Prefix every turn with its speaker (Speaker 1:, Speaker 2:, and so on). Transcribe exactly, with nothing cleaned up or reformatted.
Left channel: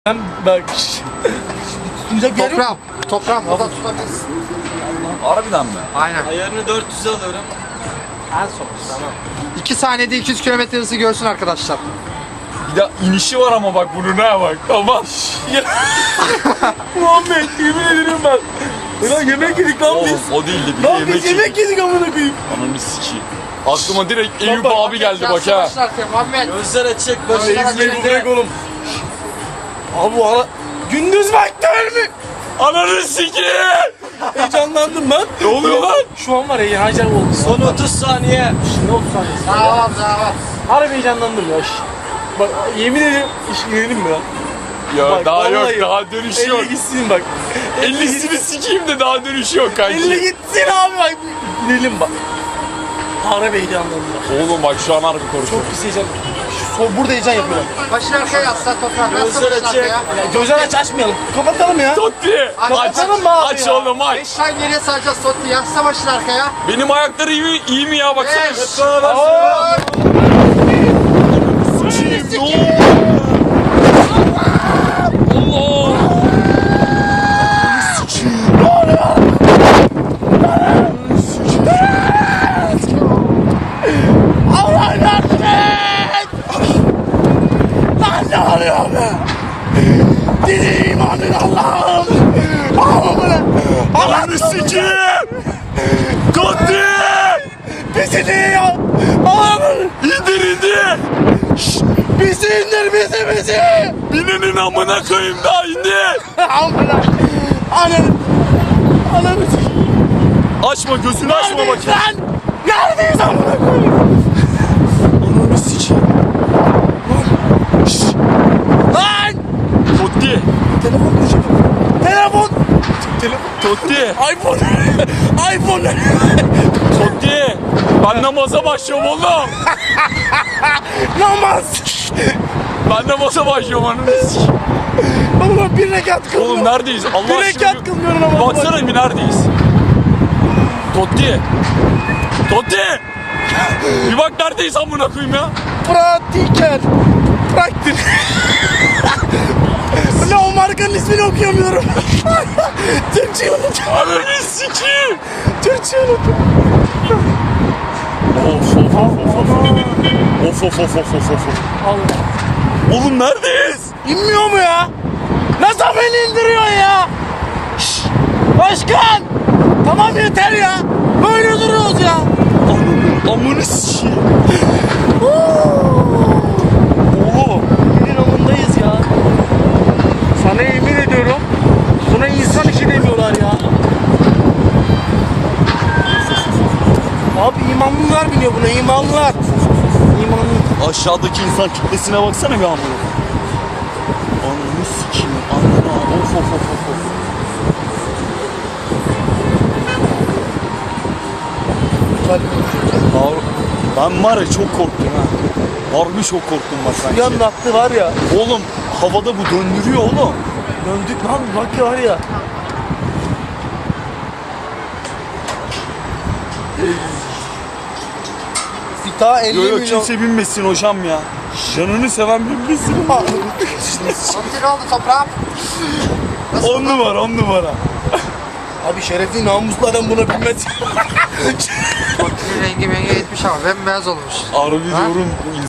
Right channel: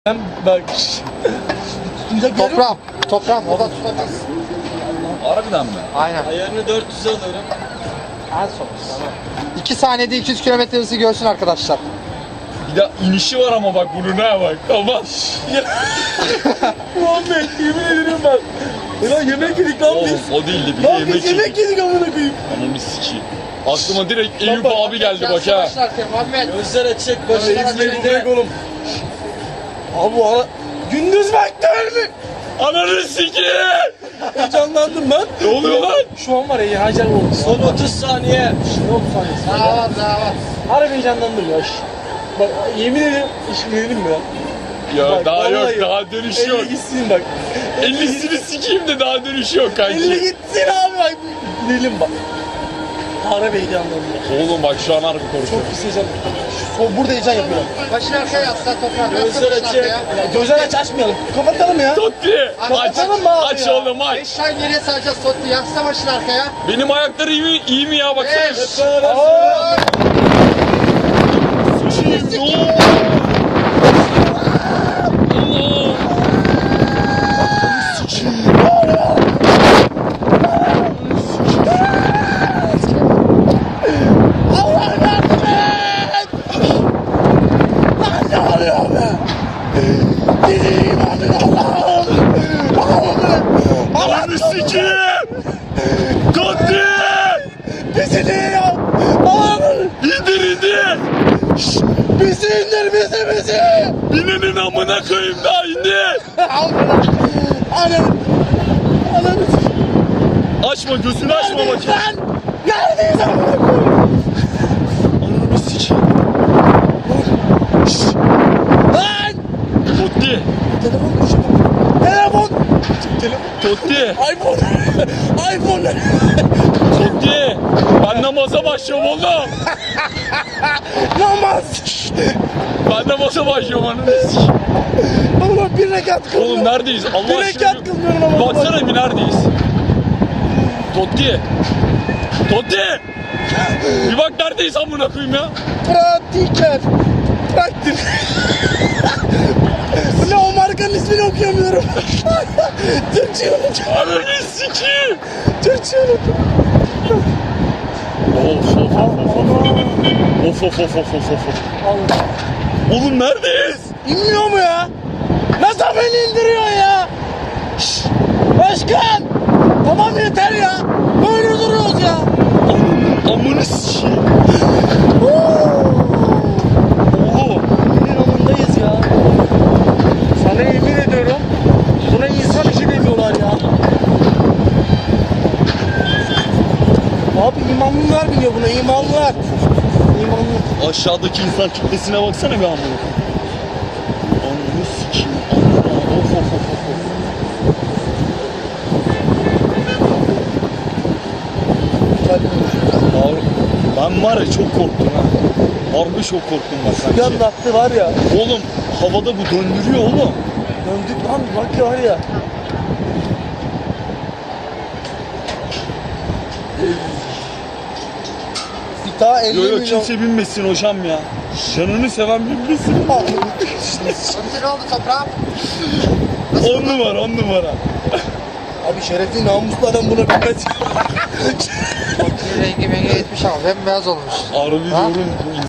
Speaker 1: Bak.
Speaker 2: Toprağım. Toprağım. O da tutabilirsin.
Speaker 3: Harbiden mi?
Speaker 2: Aynen.
Speaker 1: Ayarını dört yüze alıyorum. En son. Tamam.
Speaker 2: iki saniyede iki yüz kilometre hızı görsün arkadaşlar.
Speaker 3: Bir de inişi var ama bak bunun ha bak. Tamam.
Speaker 1: Muhammed yemin ederim ben. Ulan yemek yedik lan biz.
Speaker 3: Oğlum o değildi bir de
Speaker 1: Lan biz
Speaker 3: yemek
Speaker 1: yemek
Speaker 3: yedik.
Speaker 1: yedik amına koyayım.
Speaker 3: Ananı sikeyim. Aklıma direkt Eyüp
Speaker 1: Baba,
Speaker 3: abi geldi bak ha.
Speaker 2: Muhammed.
Speaker 1: Gözler açık. Böyle
Speaker 2: Gözler
Speaker 1: izleyin
Speaker 2: açık.
Speaker 1: direkt oğlum. Abi bu ara... Gündüz vakti mi?
Speaker 3: Ananı sikeyim.
Speaker 1: Heyecanlandım ben.
Speaker 3: Ne oluyor lan?
Speaker 1: Şu an var ya heyecan oldu. Son otuz saniye. Şimdi otuz saniyesi.
Speaker 2: Daha var daha var.
Speaker 1: Harbi heyecanlandım ya. Bak yemin ederim iş verelim mi ya?
Speaker 3: Ya
Speaker 1: Bak,
Speaker 3: daha yok
Speaker 1: vallahi
Speaker 3: daha dönüş yok.
Speaker 1: elli gitsin bak.
Speaker 3: ellisini sikeyim de daha dönüş yok
Speaker 1: elli
Speaker 3: kanki.
Speaker 1: gitsin abi bak. Bilelim bak. Harbi heyecanlandım bak.
Speaker 3: Oğlum bak şu an harbi korkuyorum.
Speaker 1: Çok pis heyecan. O burada heyecan yapıyorum.
Speaker 2: Başını arkaya yatsa toprağım.
Speaker 1: Gözler açık. Ya, gözler aç açmayalım. Kapatalım ya.
Speaker 3: Totti aç,
Speaker 1: Kapatalım mı abi
Speaker 3: aç
Speaker 1: ya?
Speaker 3: oğlum aç.
Speaker 2: beş tane geriye saracağız Totti. Yatsa başını arkaya.
Speaker 3: Benim ayakları iyi mi, iyi mi ya baksana.
Speaker 2: Beş.
Speaker 1: Aa!
Speaker 3: Sikeyim ne oldu? Allah. Ananı sikeyim. Ne oluyor? Ananı sikeyim.
Speaker 1: Allah yardım et! Lan ne oluyor be? Dili imanın Allah'ım! Allah'ım!
Speaker 3: Ananı sikeyim. Totti.
Speaker 1: Bizi diyor! Allah'ım!
Speaker 3: İndir indir.
Speaker 1: Bizi indir bizi bizi!
Speaker 3: Binenin amına koyayım daha indir.
Speaker 1: Amına! Ananı! Ananı!
Speaker 3: Açma gözünü açma
Speaker 1: Neredeyiz
Speaker 3: bakayım.
Speaker 1: lan? Neredeyiz amına koyayım?
Speaker 3: Ananı sikeyim.
Speaker 1: Lan!
Speaker 3: Totti.
Speaker 1: Telefon düşüyor. Telefon! Telefon!
Speaker 3: Totti.
Speaker 1: iPhone! iPhone!
Speaker 3: Totti. Ben namaza başlıyorum oğlum.
Speaker 1: Namaz!
Speaker 3: Ben namaza başlıyorum ananı sikeyim.
Speaker 1: Oğlum bir rekat kıldım.
Speaker 3: Oğlum neredeyiz? Allah
Speaker 1: Bir
Speaker 3: aşkına.
Speaker 1: rekat kılmıyorum ama.
Speaker 3: Baksana bir neredeyiz? Totti. Totti. Bir bak neredeyiz amına koyayım ya?
Speaker 1: Pratiker. Praktik. Ne o markanın ismini okuyamıyorum. Türkçe unuttum.
Speaker 3: Ananı sikeyim.
Speaker 1: Türkçe unuttum.
Speaker 3: Of of of of of. Of of of of of of.
Speaker 1: Alın.
Speaker 3: Oğlum neredeyiz?
Speaker 1: İnmiyor mu ya? Nasıl beni indiriyorsun ya? Şşş! Başkan! Tamam yeter ya. Böyle duruyoruz ya.
Speaker 3: Ananın amını sikeyim. Oğlum.
Speaker 1: Senin amındayız ya. Sana yemin ediyorum. Buna insan işi demiyorlar ya. Abi imanlılar biniyor buna, imanlılar. İmanlı.
Speaker 3: Aşağıdaki insan kitlesine baksana bir amına. Ananı sikeyim. Ananı. Of of of of of. Har- Ben var ya çok korktum ha. Harbi çok korktum bak
Speaker 1: Yan
Speaker 3: sanki.
Speaker 1: attı var ya.
Speaker 3: Oğlum havada bu döndürüyor oğlum.
Speaker 1: Döndük lan bak ya var ya. Bir daha elli
Speaker 3: Yo yo
Speaker 1: milyon.
Speaker 3: kimse binmesin hocam ya. Canını seven binmesin.
Speaker 2: Totti ne oldu toprağım?
Speaker 3: On numara on numara.
Speaker 1: Abi şerefli namuslu adam buna binmez.
Speaker 2: Totti'nin rengi mengi gitmiş ama bembeyaz olmuş.
Speaker 3: Harbi
Speaker 2: Ha?
Speaker 3: diyorum bu